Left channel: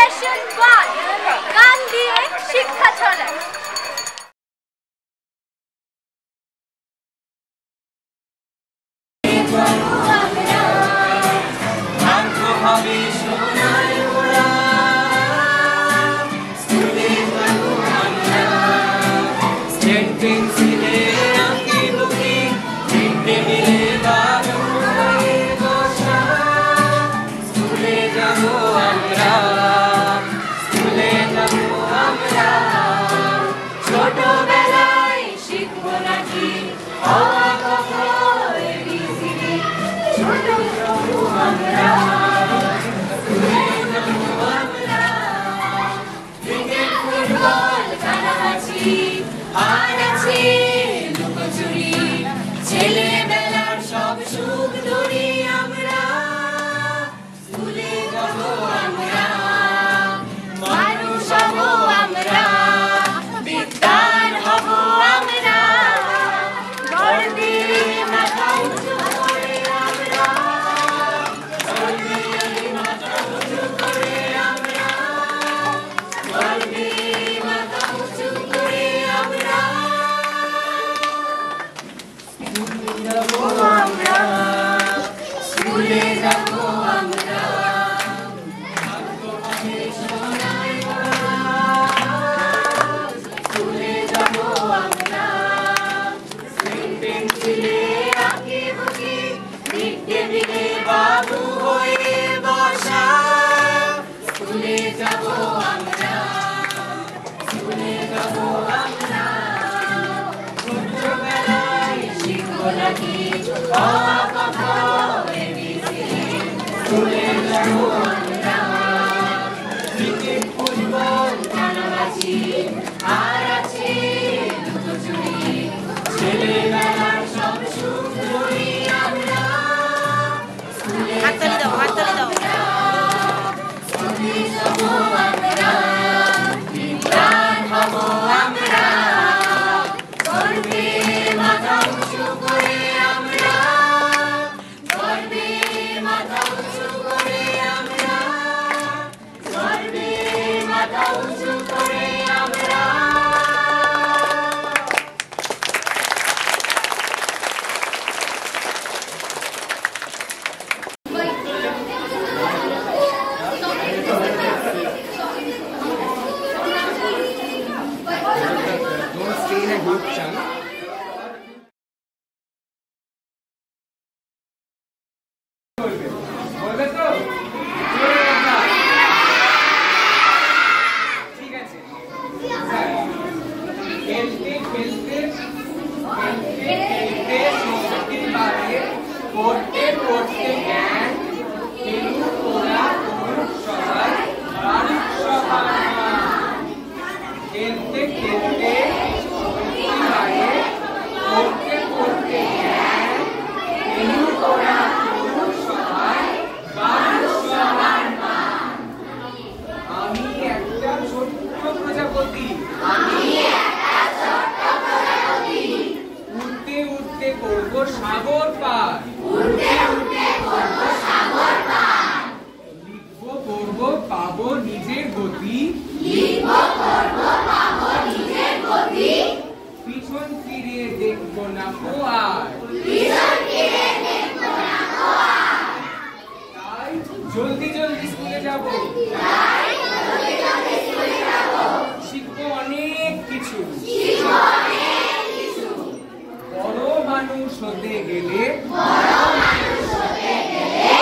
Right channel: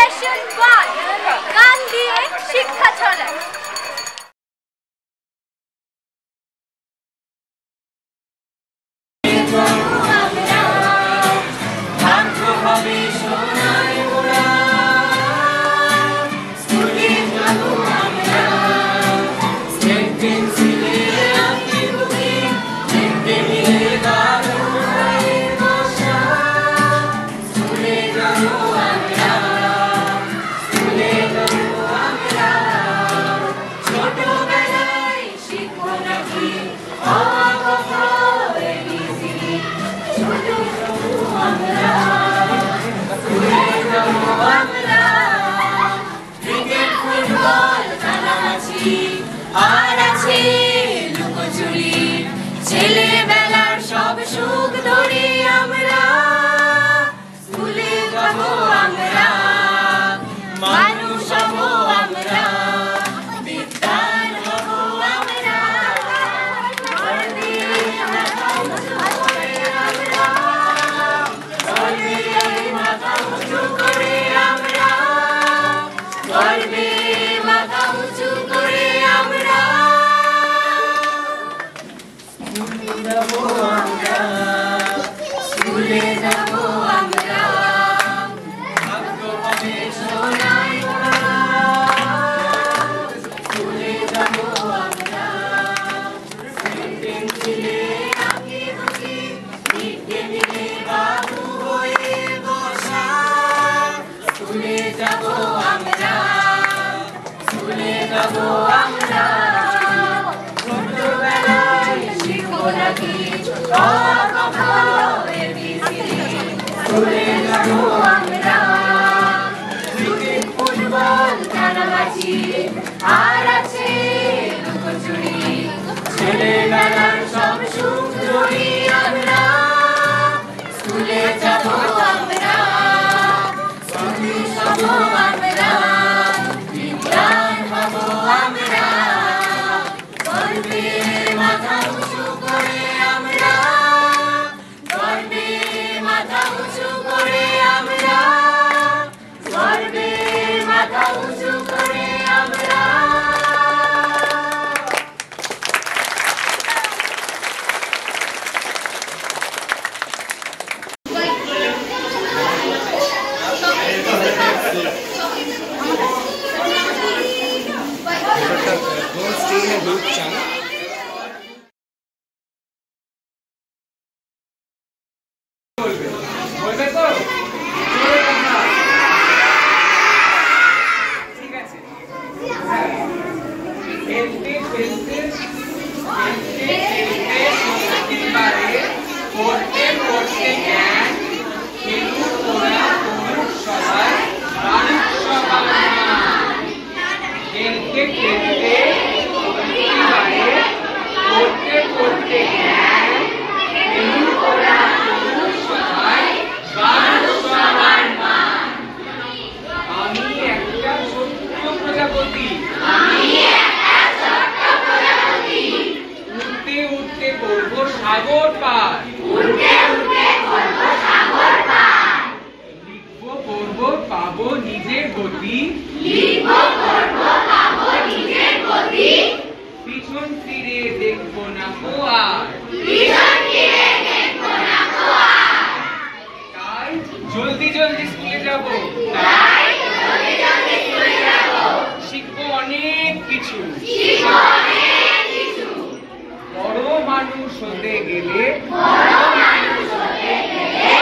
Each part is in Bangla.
সেশন 1 গান দিয়ে শিক্ষা ছড়ায়। আর আছে লুকোচুরি, ছেলেবেলার সব সুখ ধরে আমরা স্কুলে যাবো, আমরা মানুষ হবো, আমরা বিদ্যান হবো, আমরা গর্বে মাথা উঁচু করে, আমরা গর্বে মাথা উঁচু করে, আমরা গর্বে মাথা উঁচু করে, আমরা স্কুলে যাবো, আমরা স্কুলে যাবো, আমরা সোনার স্কুলে যাবো, আমরা পেন্সিলে আঁকি বুকি লিখতে দিলে বাবু হয়ে বসা। স্কুলে যাবো আমরা, স্কুলে যাবো আমরা ছোটবেলায় শিখবো নাকি অ আ ক খ এবিসিডি। স্কুলে যাবো আমরা ক্রিকেট ফুটবল কানামাছি, আর আছে লুকোচুরি, ছেলেবেলার সব সুখ ধরি আমরা স্কুলে যাবো, আমরা স্কুলে যাবো, আমরা বিদ্যান হবো, আমরা গর্বে মাথা উঁচু করে, আমরা গর্বে মাথা উঁচু করে, আমরা গর্বে মাথা উঁচু করে, আমরা। ঠিক আছে, খেলতে খেলতে খেলতে খেলতে সত্যি পারে, পড়তে পড়তে জ্ঞান, খেলুক ওরা করুক সবাই বাড়ুক সবার মান। খেলতে খেলতে সত্যি পারে, পড়তে পড়তে জ্ঞান, খেলুক ওরা করুক সবাই বাড়ুক সবার মান। আমি একটা ছোট্ট প্রজাপতি, আমি একটা ছোট্ট প্রজাপতি, উড়তে উড়তে করব সাগর পার, উড়তে উড়তে করব সাগর পার। লিখব পড়ব পাবো নিজের গতি, লিখব পড়ব পাবো নিজের গতি। পিছন ফিরে দেখব না কো আর, পিছন ফিরে দেখব না কো আর। তাই জলদি জলদি স্কুলে যাব, তাই জলদি জলদি স্কুলে যাব। শিখবো অনেক কিছু, শিখবো অনেক কিছু। বড় মানুষ হতে গেলে, বড় মানুষ হতে গেলে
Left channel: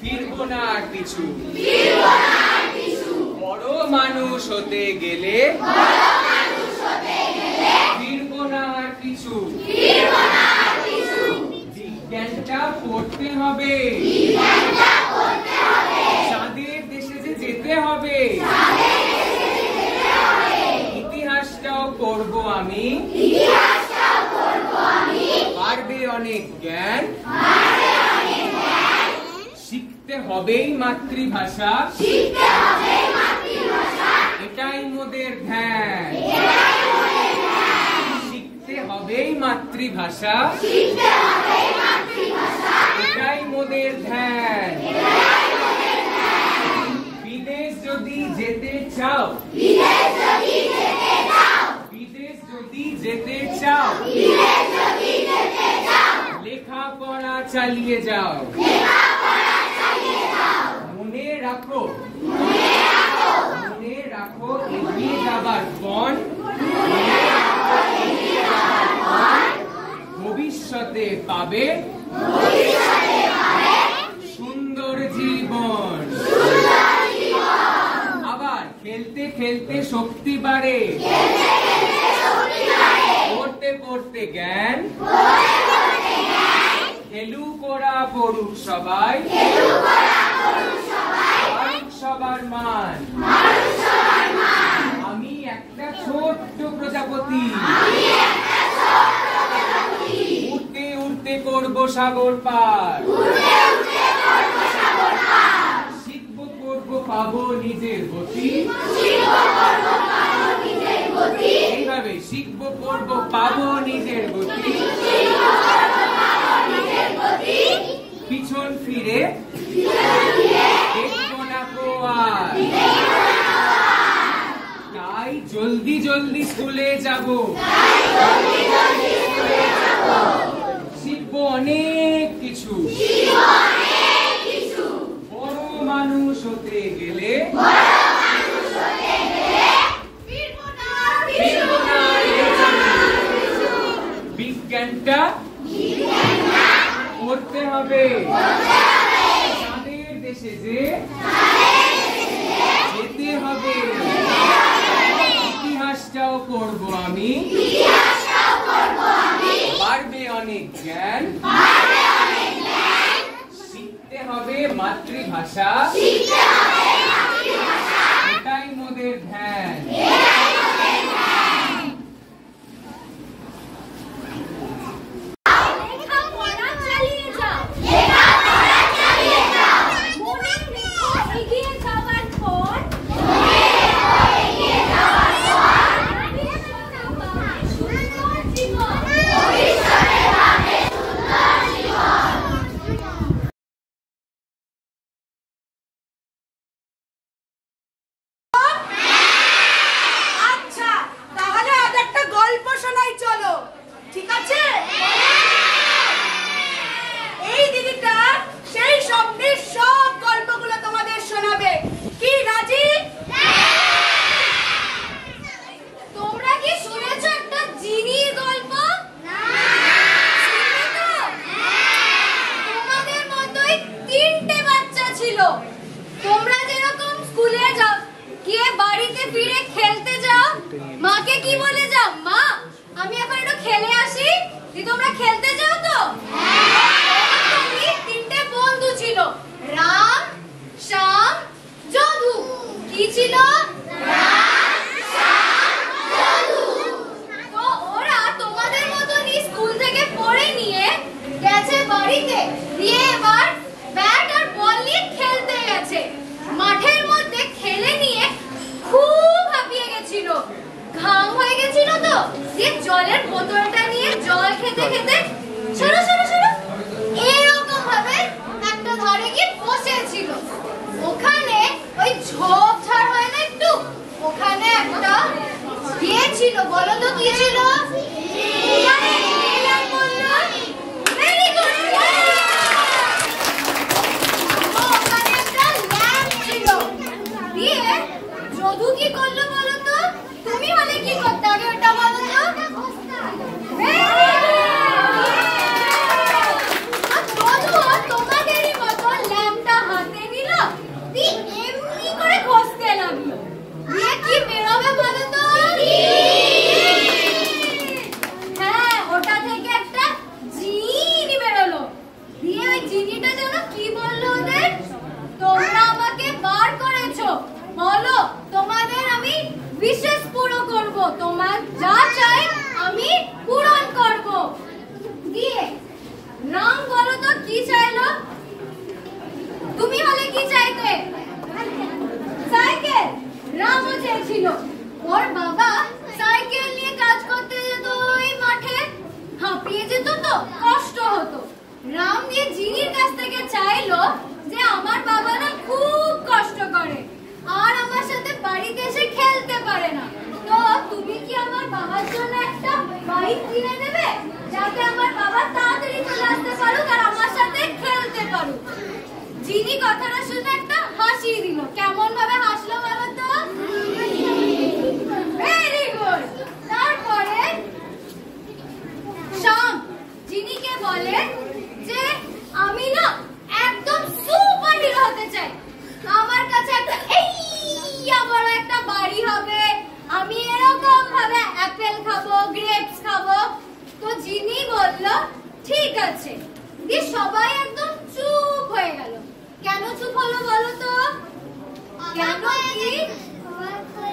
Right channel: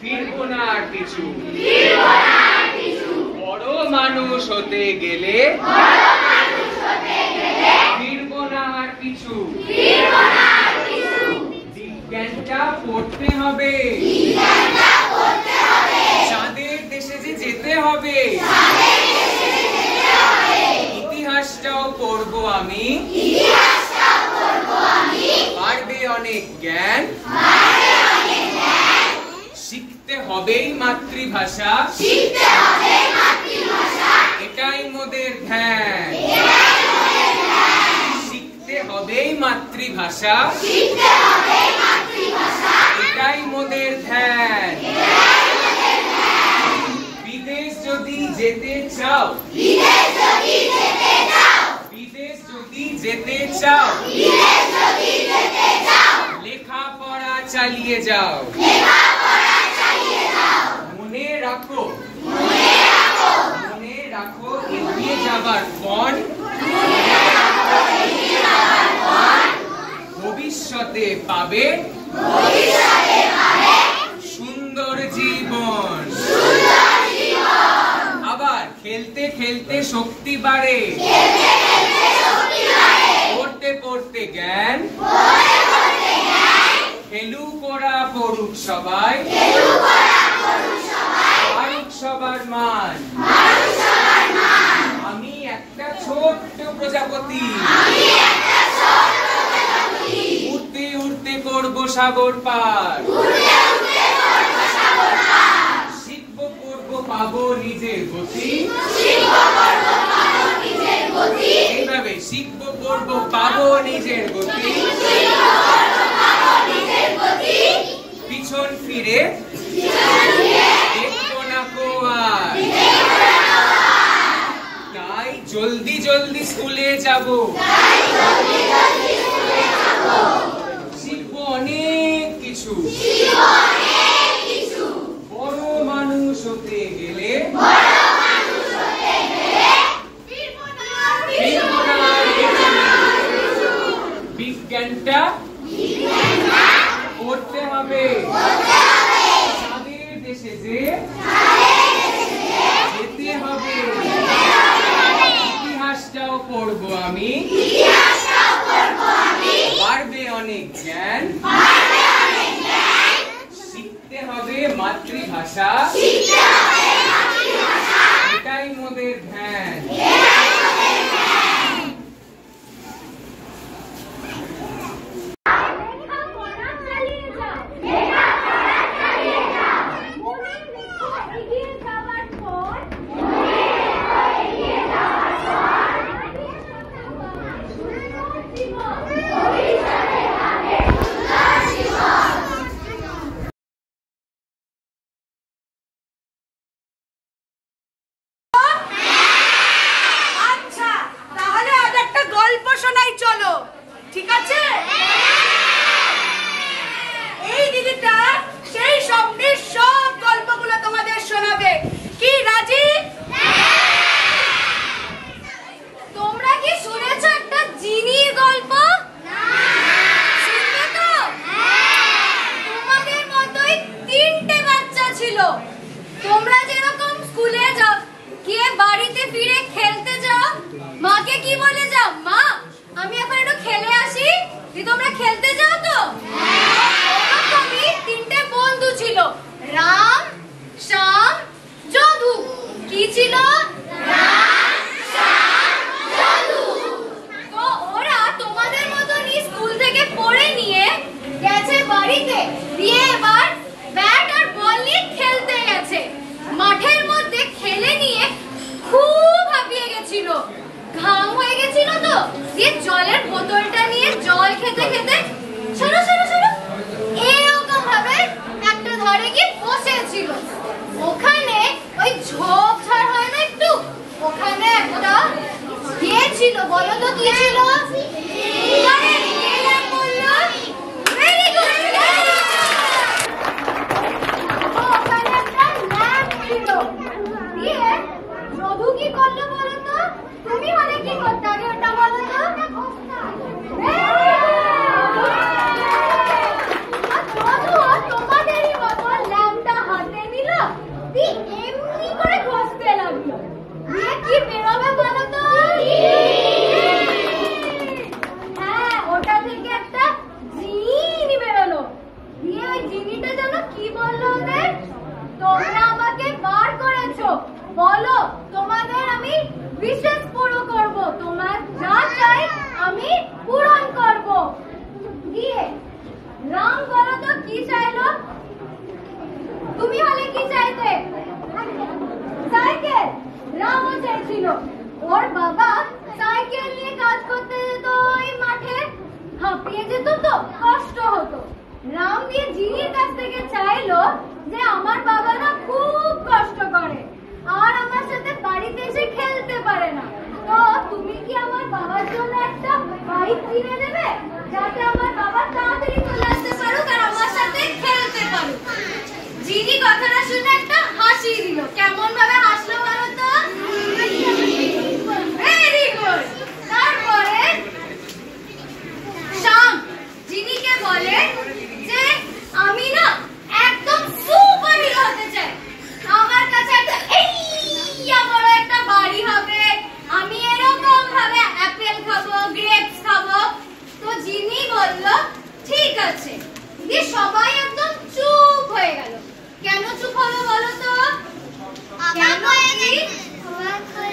ফিরবো না আর কিছু, ফিরবো না আর কিছু। বড় মানুষ হতে গেলে, বড় মানুষ হতে গেলে ফিরবো না আর কিছু, ফিরবো না আর কিছু। বিজ্ঞানটা পড়তে হবে, বিজ্ঞানটা পড়তে হবে। চাঁদের দেশে যে যেতে হবে, চাঁদের দেশে যে যেতে হবে। ইতিহাসটাও পড়বো আমি, ইতিহাসটাও পড়বো আমি। বাড়বে অনেক জ্ঞান, বাড়বে অনেক জ্ঞান। শিখতে হবেই মাতৃভাষা, শিখতে হবেই মাতৃভাষা। এটাই মোদের ধ্যান, এটাই মোদের ধ্যান। শিখতে হবেই মাতৃভাষা, শিখতে হবেই মাতৃভাষা। এটাই মোদের ধ্যান, এটাই মোদের ধ্যান। বিদেশ যদি যেতে চাও, বিদেশ যদি যেতে চাও, লেখাপড়া চালিয়ে যাও, মনে রাখো এগিয়ে যাবার পণ ভবিষ্যতে পাবে সুন্দর জীবন। আবার খেলতে খেলতে শক্তি বাড়ে, পড়তে পড়তে জ্ঞান, খেলুক ওরা পড়ুক সবাই, মারুক সবার মান। আমি একটা ছোট্ট প্রজাপতি, উড়তে উড়তে করব সাগর পার, শিখব পড়ব পাবো নিজের গতি, এইভাবে শিখব পড়ব পাবো নিজের গতি, পিছন ফিরে দেখব না কো আর। তাই জলদি জলদি স্কুলে যাব, শিখবো অনেক কিছু, বড় মানুষ হতে গেলে বিজ্ঞানটা পড়তে হবে, তাদের দেশে যে যেতে হবে, ইতিহাসটাও পড়বো আমি, বাড়বে অনেক জ্ঞান, শিখতে হবে মাতৃভাষা, এটাই মোদের ধ্যান। ঠিক আছে, এই দিদিটা সেই স্বপ্নের সব গল্পগুলো তোমাদের শোনাবে। কি রাজি? তোমরা কি শুনেছো একটা জিনির গল্প? শুনবে তো? তোমাদের মতোই 3টে বাচ্চা ছিল। তোমরা যেরকম স্কুলে যাও, গিয়ে বাড়িতে ফিরে খেলতে যাও, মাকে কি বলে যাও? মা, আমি এখন একটু খেলে আসি। তোমরা খেলতে যাও তো? ওরকমই 3টে বন্ধু ছিল, রাম, শ্যাম, যদু। কি ছিল? রাম, শ্যাম, যদু। তো ওরা তোমাদের মতনই স্কুল থেকে পড়ে নিয়ে গেছে বাড়িতে, দিয়ে এবার ব্যাট আর বল নিয়ে খেলতে গেছে। মাঠের মধ্যে খেলে নিয়ে খুব হাঁপিয়ে গেছিল, ঘাম হয়ে গেছিল, তো দিয়ে জলের বোতলটা নিয়ে জল খেতে খেতে শোনো এরকম ভাবে একটা ধারে গিয়ে বসেছিল। ওখানে ওই ঝোপঝাড় হয় না একটু, ওখানে একটা ইয়ে ছিল, বলো তো কি ছিল? ওখানে একটা ল্যাম্প ছিল। দিয়ে যদু কি করলো বলো তো? তুমি হলে কি করতে? আগে ওটা বলো তো। তোমাদেরই মতো ল্যাম্পটা হাতে নিল, এমনি করে ঘষতে লাগলো। দিয়ে কি বেরোবে বলো তো? হ্যাঁ, ওটা থেকে একটা জিনি বেরোলো। দিয়ে ওই জিনিটা যেন কি বললো ওদের? তোমরা আমাকে বার করেছো, বলো তোমাদের আমি বিশেষ পুরো করব, তোমার যা চাই আমি পূরণ করব। দিয়ে রাম বলো তো কি চাইলো? তুমি হলে কি চাইতে? সাইকেল। রামও চাইছিল। ওর বাবা সাইকেল নিয়ে কাজ করতে যেত ওই মাঠে, হাঁপিয়ে যেত, তো কষ্ট হতো। রাম দিয়ে জিনির কাছ থেকে চাইলো যে আমার বাবা না খুব কষ্ট করে আর আমার সাথে পারে না। তো তুমি কি আমার বাবার জন্য একটা বাইক কিনে দেবে, যাতে আমার বাবা তাড়াতাড়ি চলে আসতে পারুক আর আমার সাথে খেলতে পারুক? জিনি কথাটা শুনে একটা হাসি দিল। কেমন ভাবে হাসলো বলো তো? Very good. তারপরে শাম জিনিকে বলে যে আমি না একদম সুপার হিরো হতে চাই। আমার কাছে একটা বড় একটা বাড়ি হবে, আমি এরকম ভাবে অ্যাপেল খাবো, গ্রেপস খাবো। তো জিনি বলল ঠিক আছে। দিয়ে সবাই একদম চুপ হয়ে গেল। কেন চুপ হলো বলো তো? কেন কি?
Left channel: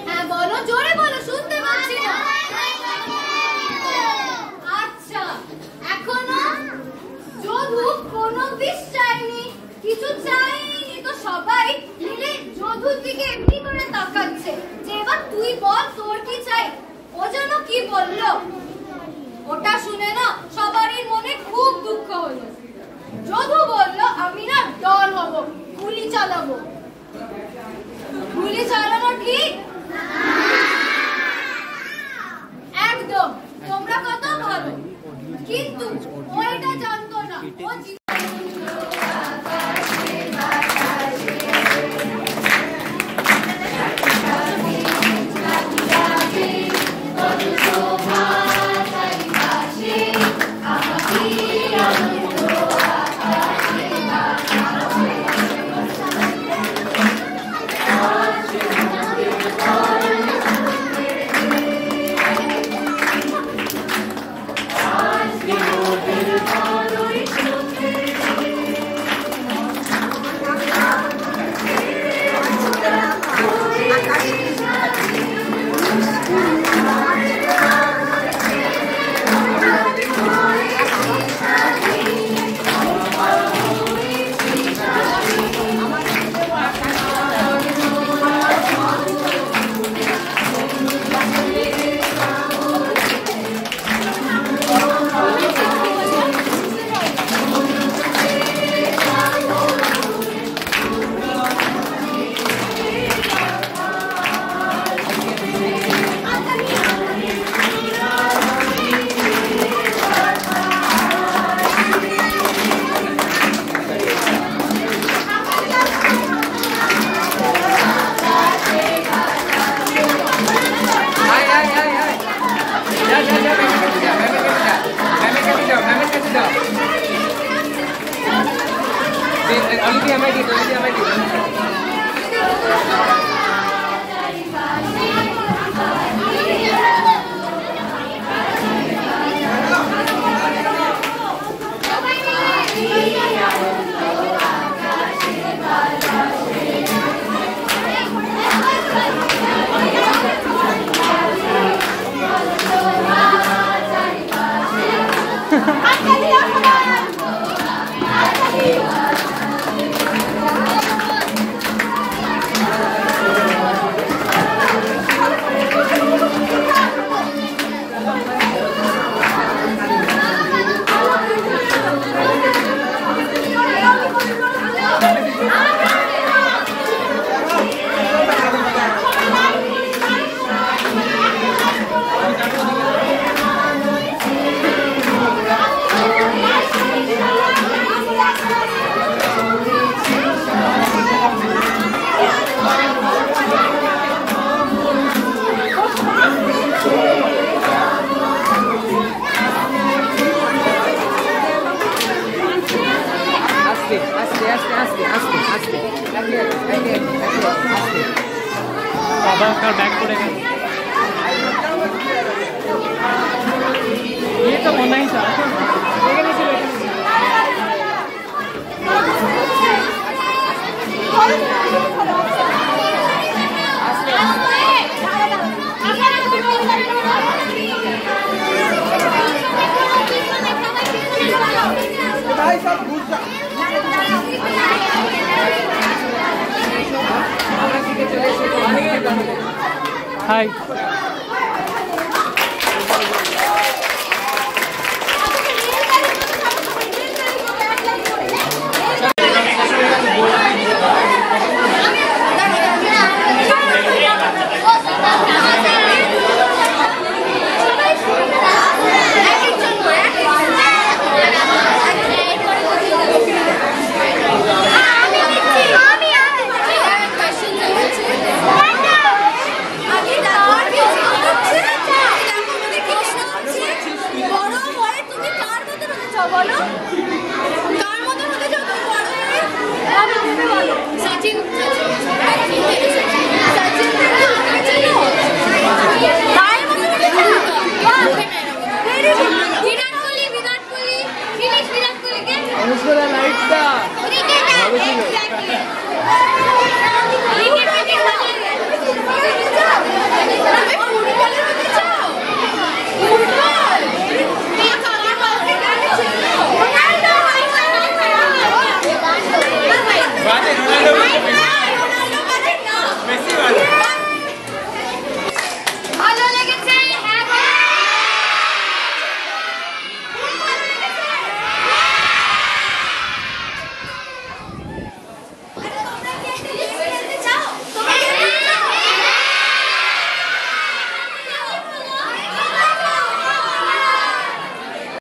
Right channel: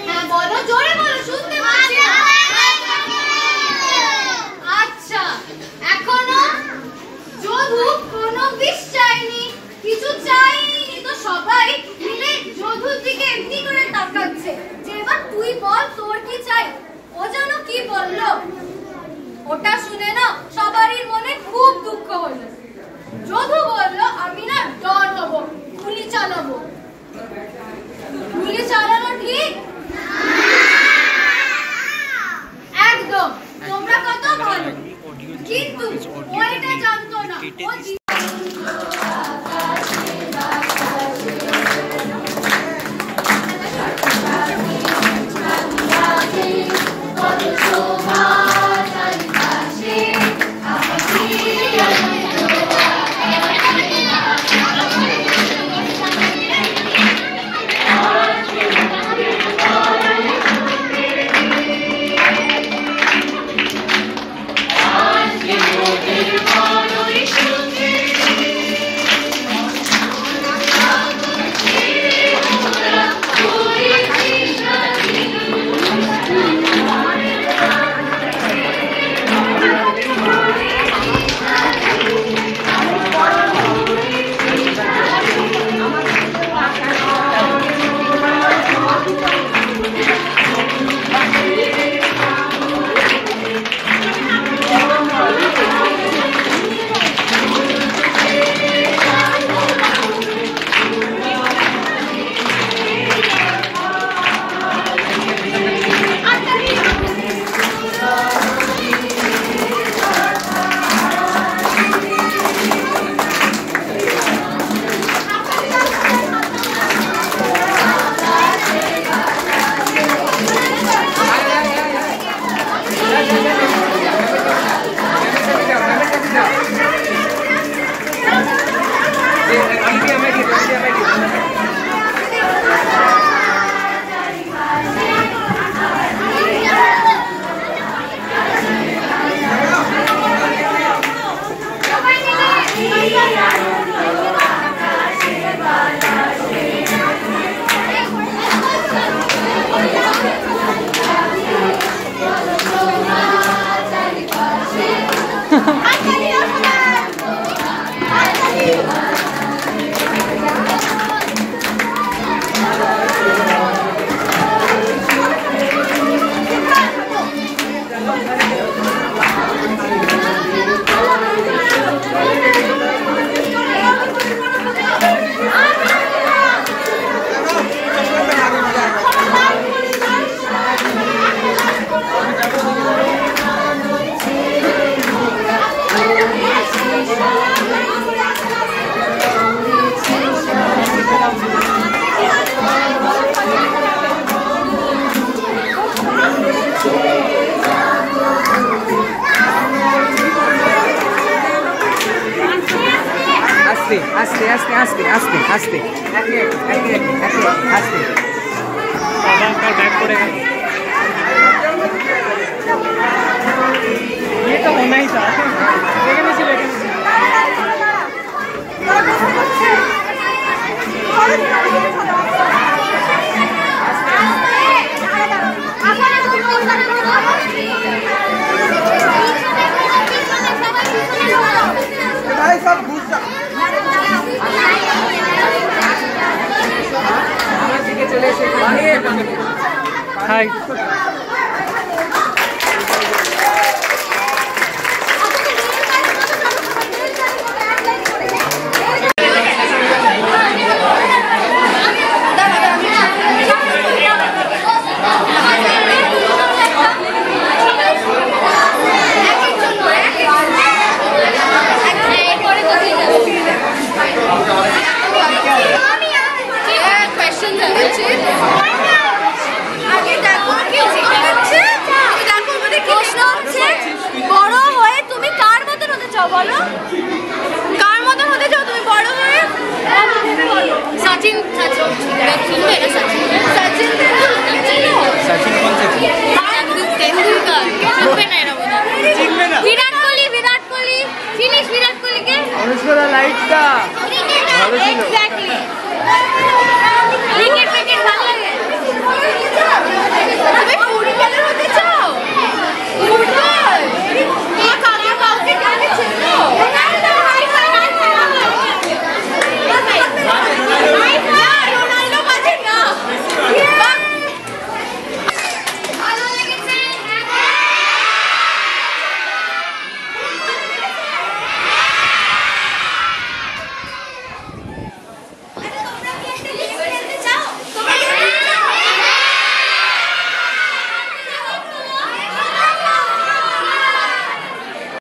হ্যাঁ বলো, জোরে বলো, শুনতে পাচ্ছি। আচ্ছা, এখনো যদু কোনো বিষ চাইনি, কিছু চাইনি, তো সবাই মিলে যদুর দিকে এমনি করে তাকাচ্ছে যে এবার তুই বল তোর কি চাই। ও যেন কি বললো, ওটা শুনে না সবারই মনে খুব দুঃখ হলো। যদু বলল আমি না ডর হব, গুলি চালাবো। গুলি চালানো ঠিক? একদম। তোমরা কত ভালো, কিন্তু ওইটা জানতো না बैग पड़ेगा। ये तो होना ही था। सब घुस जा। हाय লাইটটা ভালো ছিল। ফুটবল